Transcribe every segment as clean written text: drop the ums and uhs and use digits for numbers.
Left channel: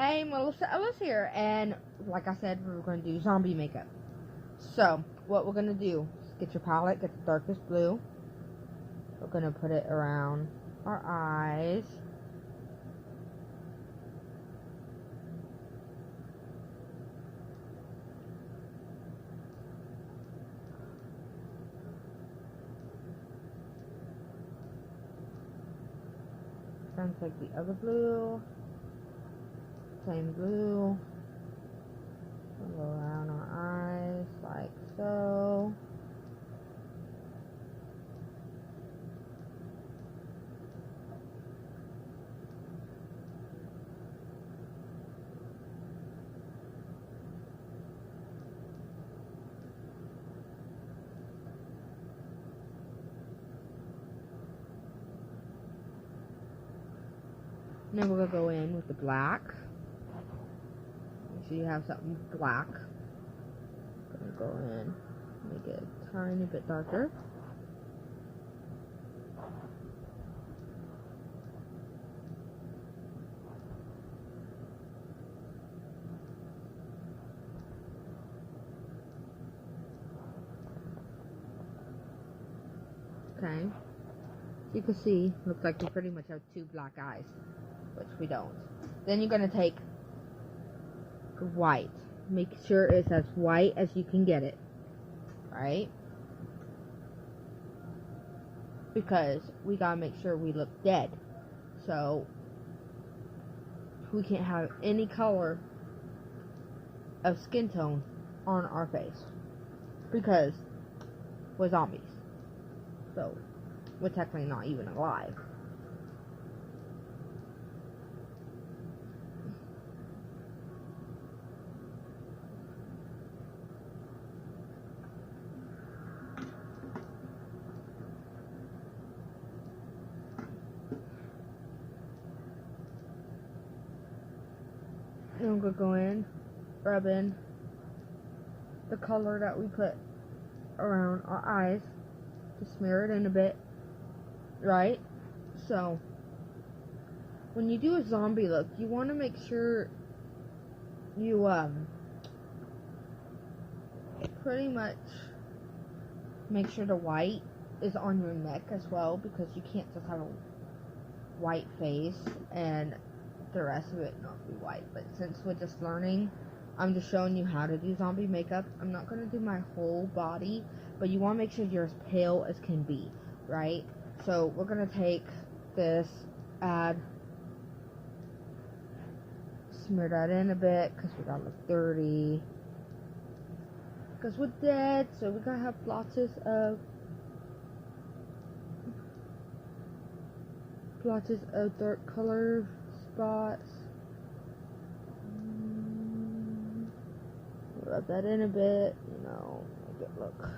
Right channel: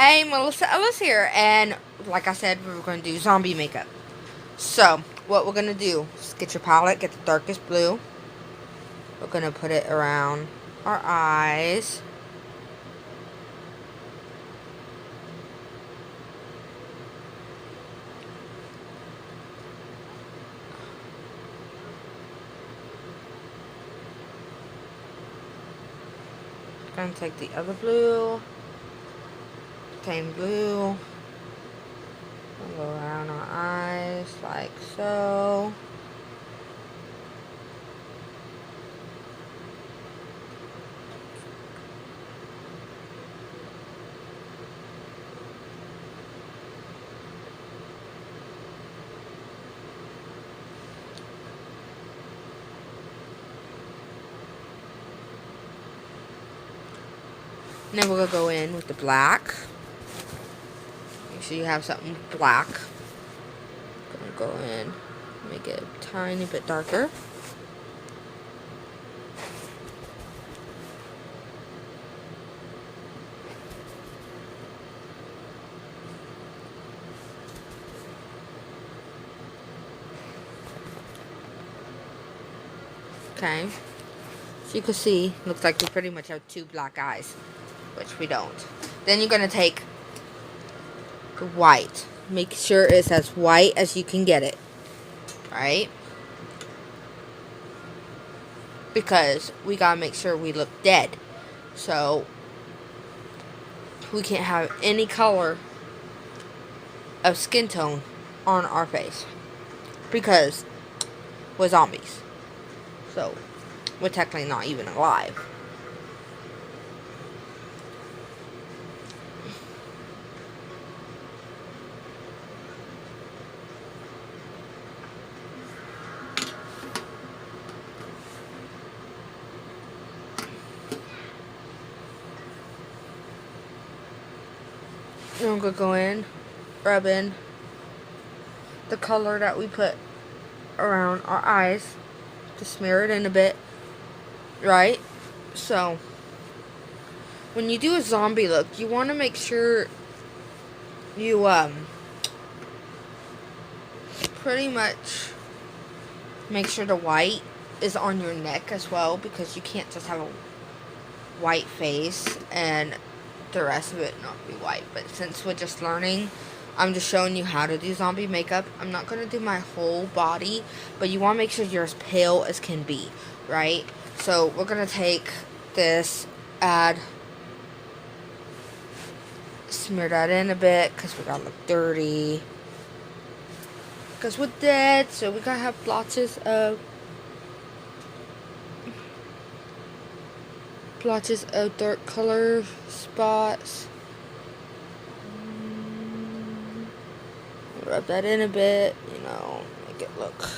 Hey, Melissa Ellis here, and like I said, we were going to do zombie makeup. So, what we're going to do is get your palette, get the darkest blue. We're going to put it around our eyes. Going to take the other blue, same blue, and go around our eyes like so. And then we're going to go in with the black. Make sure you have something black. Gonna go in, make it a tiny bit darker. Okay. So you can see, looks like we pretty much have two black eyes, which we don't. Then you're going to take the white. Make sure it's as white as you can get it. Right? Because we got to make sure we look dead. So, we can't have any color of skin tone on our face. Because we're zombies. So, we're technically not even alive. Then we're going to go in, rub in the color that we put around our eyes to smear it in a bit, right? So, when you do a zombie look, you want to make sure you, pretty much make sure the white is on your neck as well, because you can't just have a white face and the rest of it not be white. But since we're just learning, I'm just showing you how to do zombie makeup. I'm not going to do my whole body, but you want to make sure you're as pale as can be, right? So we're going to take this, smear that in a bit, because we got to look dirty. Because we're dead, so we got to have blotches of dark color spots. Rub that in a bit, make it look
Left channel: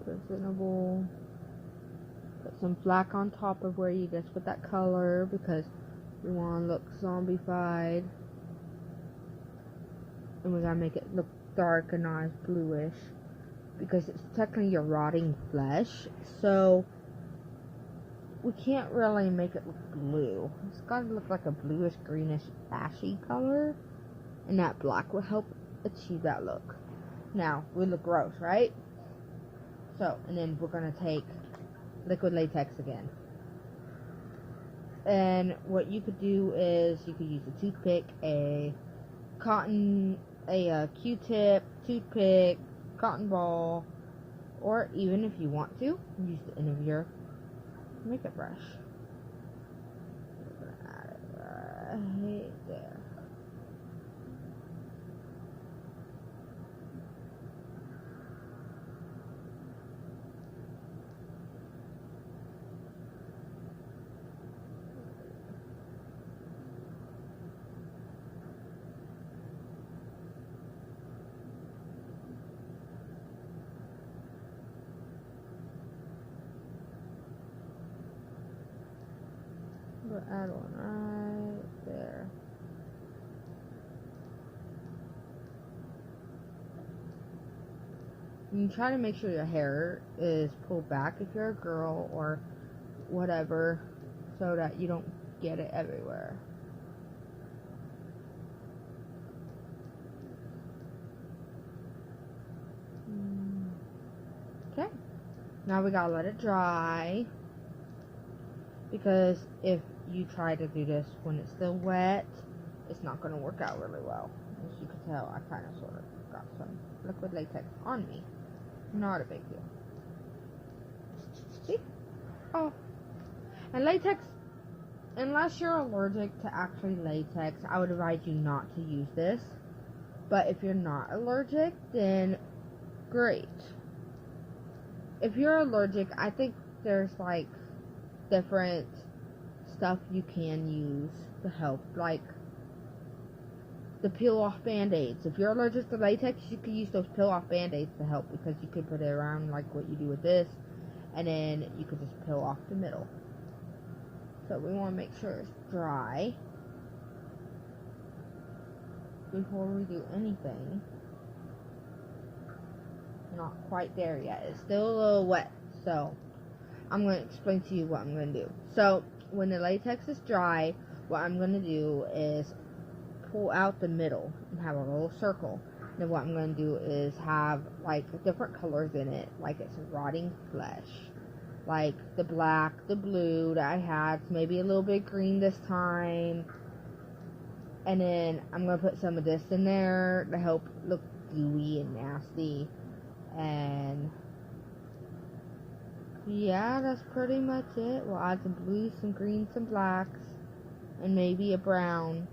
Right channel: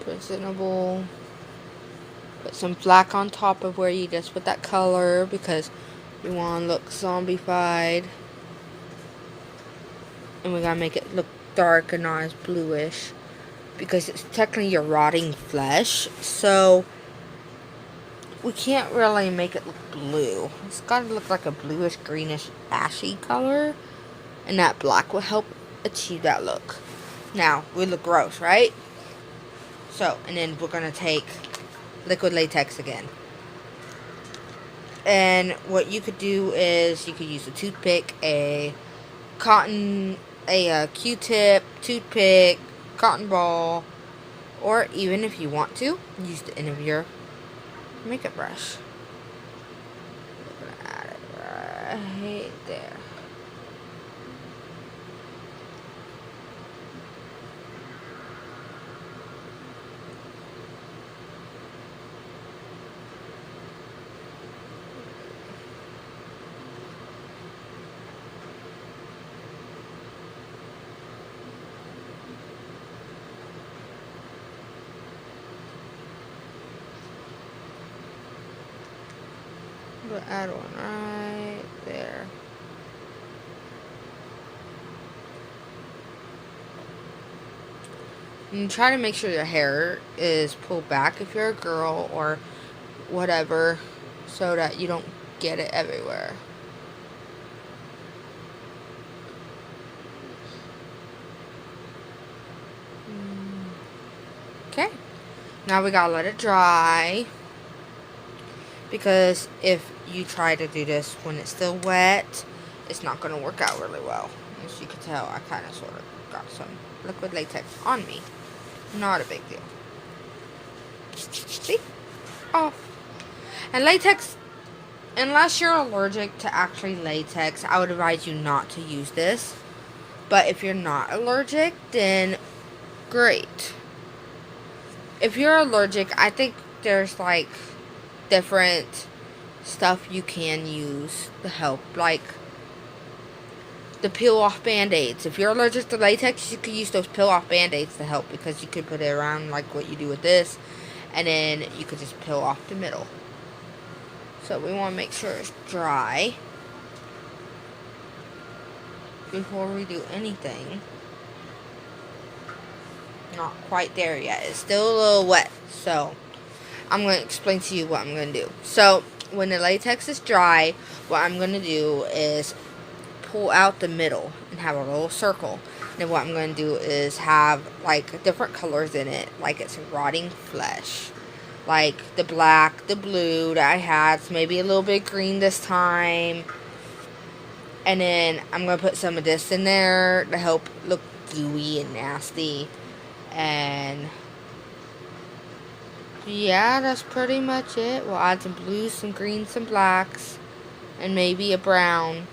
presentable. Put some black on top of where you just put that color, because you want to look zombified. And we gotta make it look dark and not as bluish, because it's technically your rotting flesh, so we can't really make it look blue. It's gotta look like a bluish, greenish, ashy color, and that black will help achieve that look. Now, we look gross, right? So, and then we're gonna take liquid latex again. And what you could do is you could use a toothpick, a Q-tip, toothpick, cotton ball, or even if you want to, use the end of your makeup brush. We're gonna add it right there. We'll add one right there. And try to make sure your hair is pulled back if you're a girl or whatever, so that you don't get it everywhere. Now we gotta let it dry, because if you try to do this when it's still wet, it's not gonna work out really well. As you can tell, I kind of sort of got some liquid latex on me. Not a big deal. See? Oh. And latex, unless you're allergic to actually latex, I would advise you not to use this. But if you're not allergic, then great. If you're allergic, I think there's like different stuff you can use to help, like the peel off band-aids. If you're allergic to latex, you could use those peel off band-aids to help, because you could put it around like what you do with this, and then you could just peel off the middle. So we want to make sure it's dry before we do anything. Not quite there yet. It's still a little wet, so I'm going to explain to you what I'm going to do. So when the latex is dry, what I'm going to do is pull out the middle and have a little circle. And what I'm going to do is have like different colors in it, like it's rotting flesh. Like the black, the blue that I had, so maybe a little bit green this time. And then I'm going to put some of this in there to help look gooey and nasty. And yeah, that's pretty much it. We'll add some blues, some greens, some blacks, and maybe a brown.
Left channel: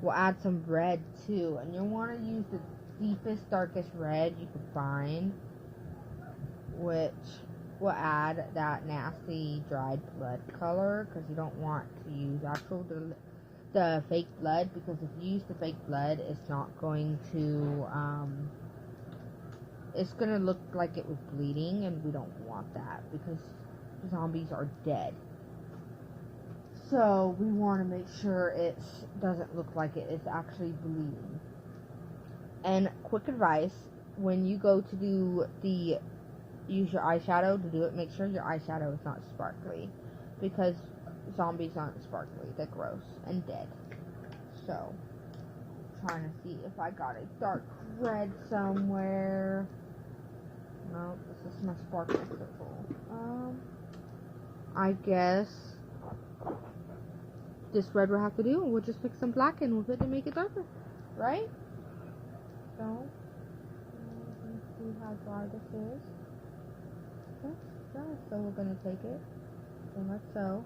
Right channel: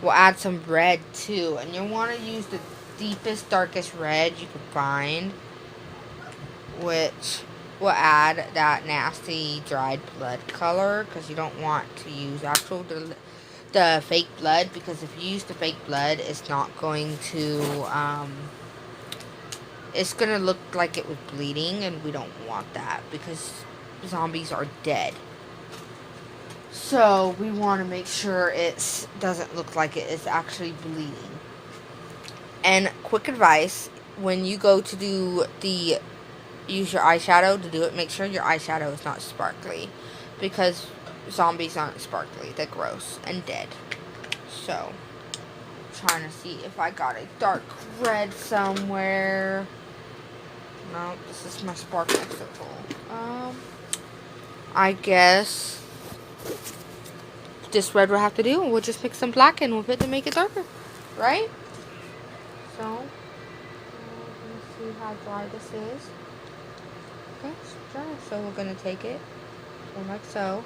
We'll add some red too, and you'll want to use the deepest, darkest red you can find, which will add that nasty dried blood color, because you don't want to use actual the fake blood, because if you use the fake blood, it's not going to it's gonna look like it was bleeding, and we don't want that, because zombies are dead. So we want to make sure it doesn't look like it is actually bleeding. And quick advice, when you go to use your eyeshadow to do it, make sure your eyeshadow is not sparkly, because zombies aren't sparkly, they're gross and dead. So, I'm trying to see if I got a dark red somewhere. No, this is my sparkling circle. I guess this red will have to do, and we'll just mix some black in with it to make it darker, right? So, let's see how dry this is. Okay, it's dry, so we're going to take it, like so.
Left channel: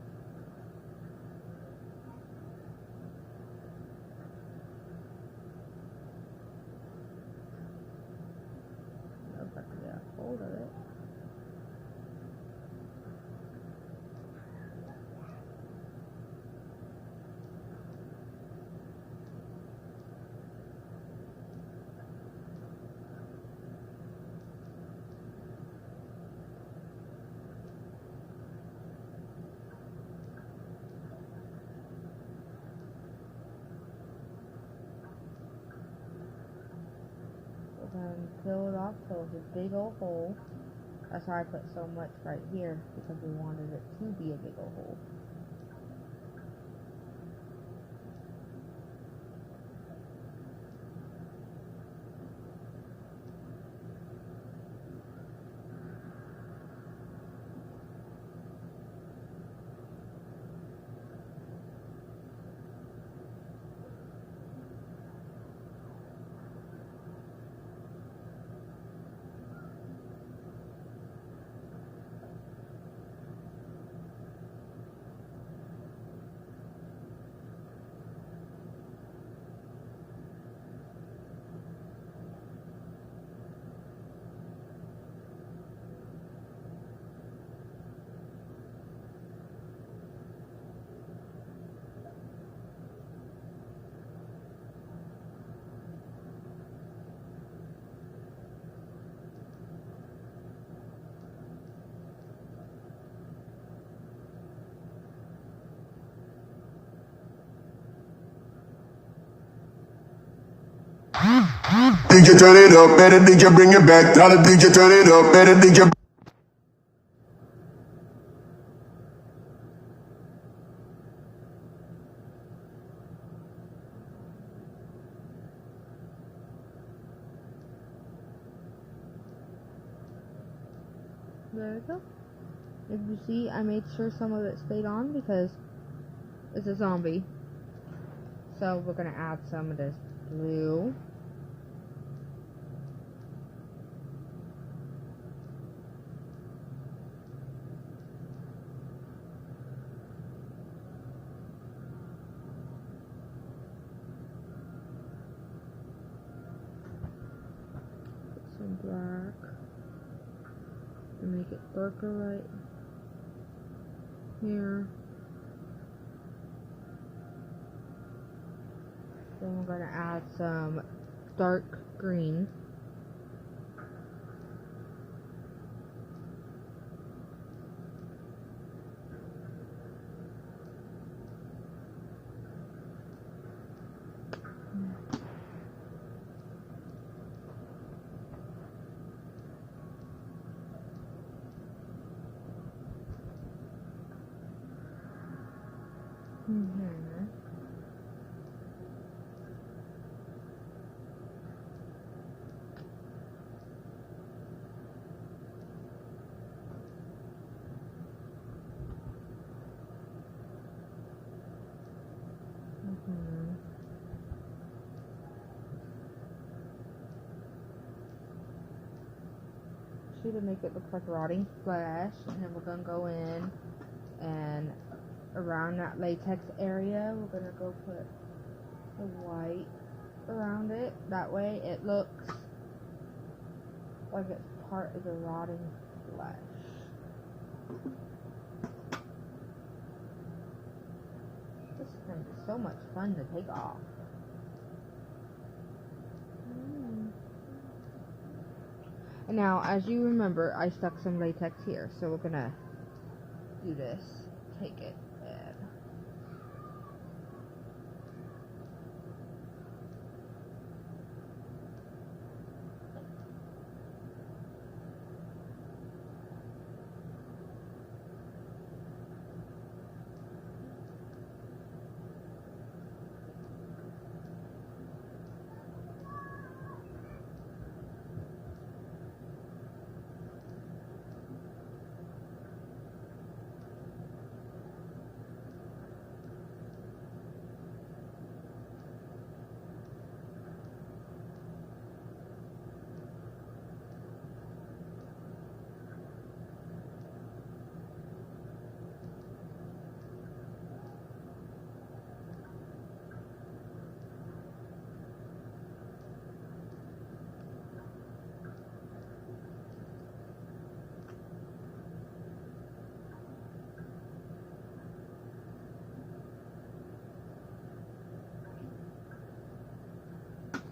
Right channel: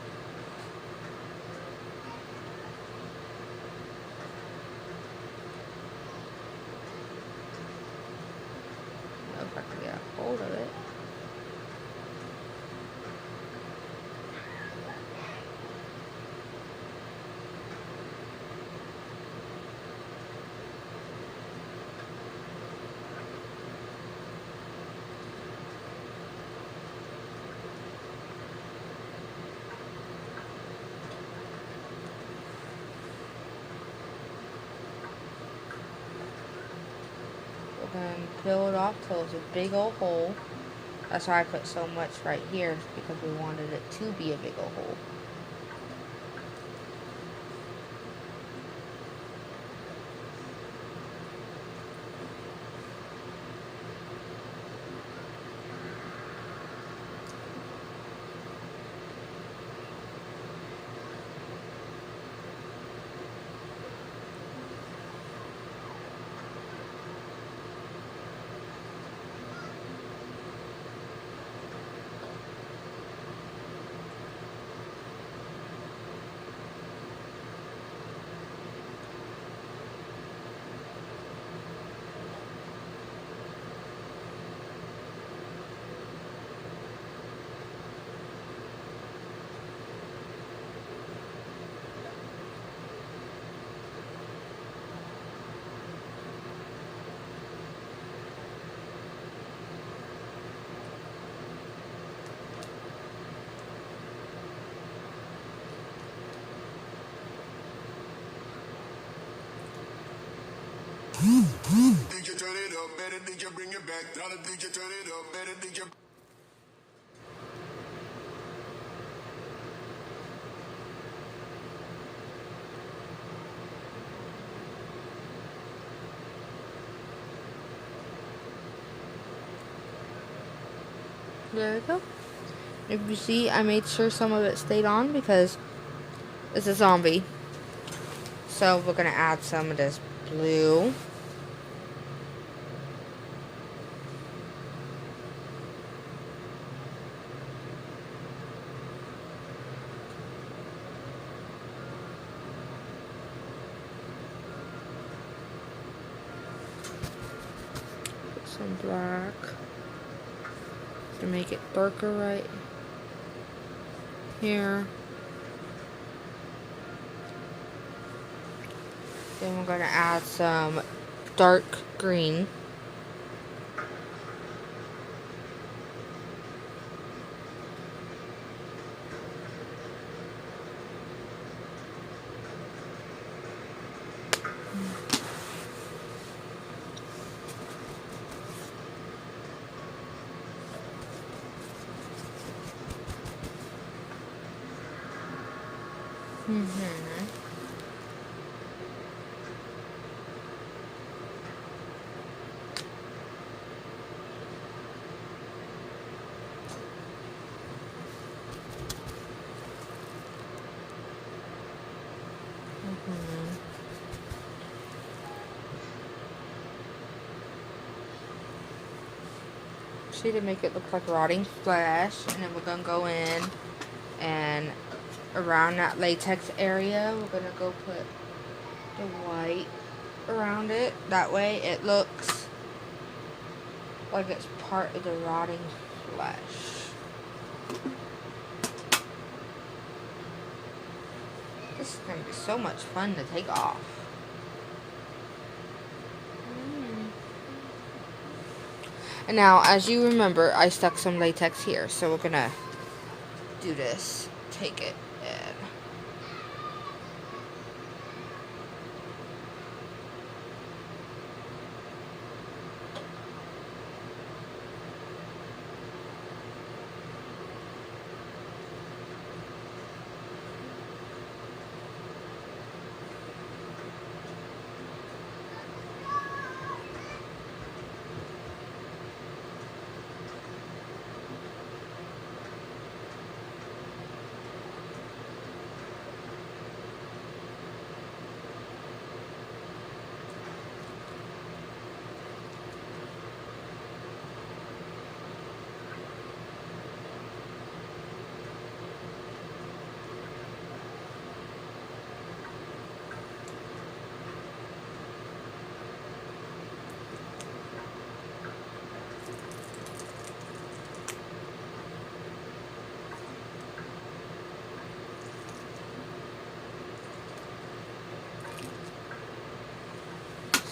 I don't know if I can get a hold of it. And peel it off till it's a big old hole. That's why I put so much right here, because we wanted it to be a big old hole. DJ turn it up, better DJ bring it back. Tell the DJ turn it up, better DJ. There we go. If you see, I made sure some of it stayed on because it's a zombie. So we're gonna add some of this blue. Put some black to make it darker right here. Then we're gonna add some dark green. See, to make it look like rotting flesh, and then we're gonna go in and around that latex area we're gonna go put the white around it. That way it looks like it's part of the rotting flesh. This is gonna be so much fun to take off. And now, as you remember, I stuck some latex here, so we're gonna do this. Take it and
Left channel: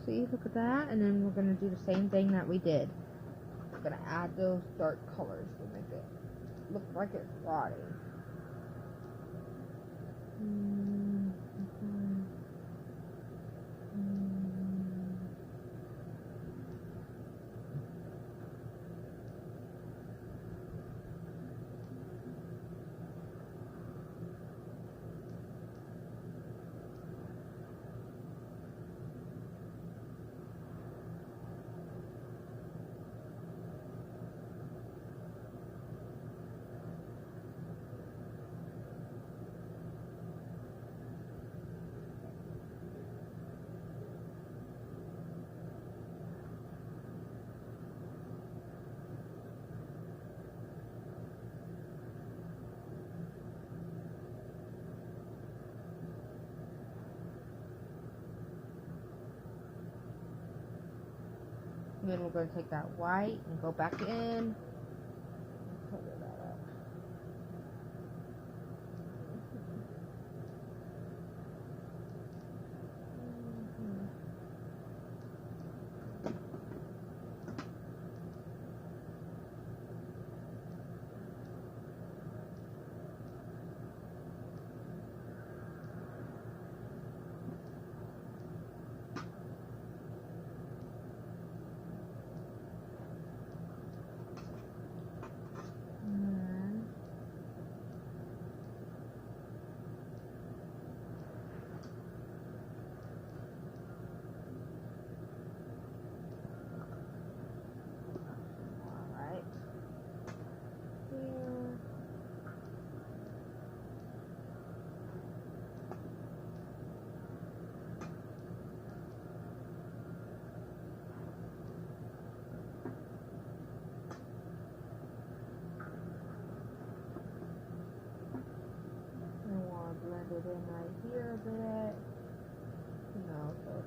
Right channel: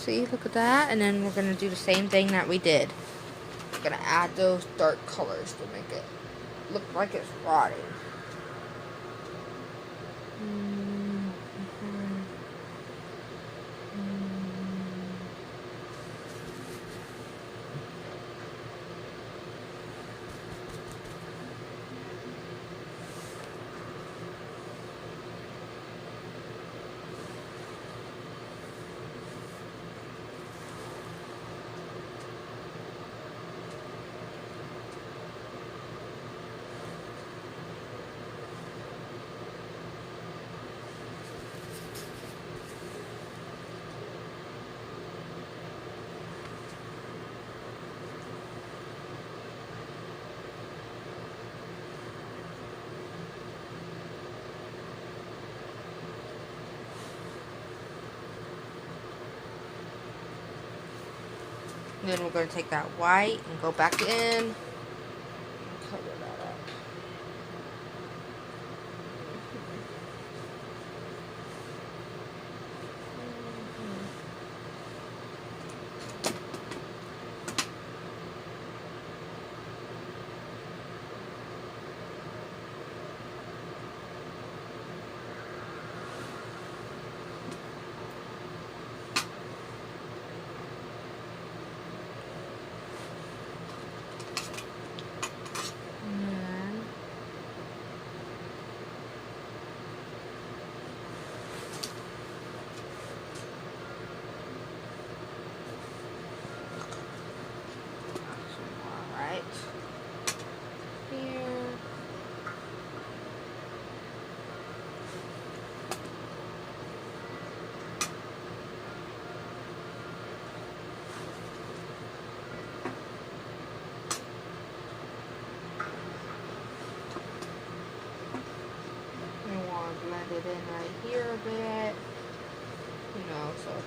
see, look at that. And then we're gonna do the same thing that we did. We're gonna add those dark colors to make it look like it's rotting. Then we're going to take that white and go back in. Cover that up.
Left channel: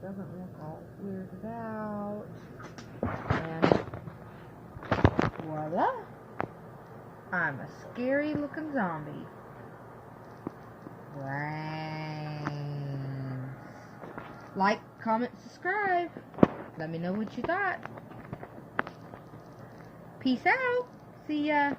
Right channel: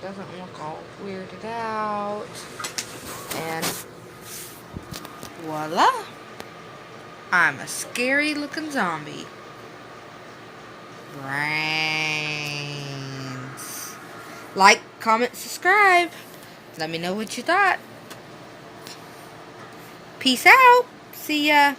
doesn't look all weirded out. And voila. I'm a scary looking zombie. Brains. Like, comment, subscribe. Let me know what you thought. Peace out. See ya.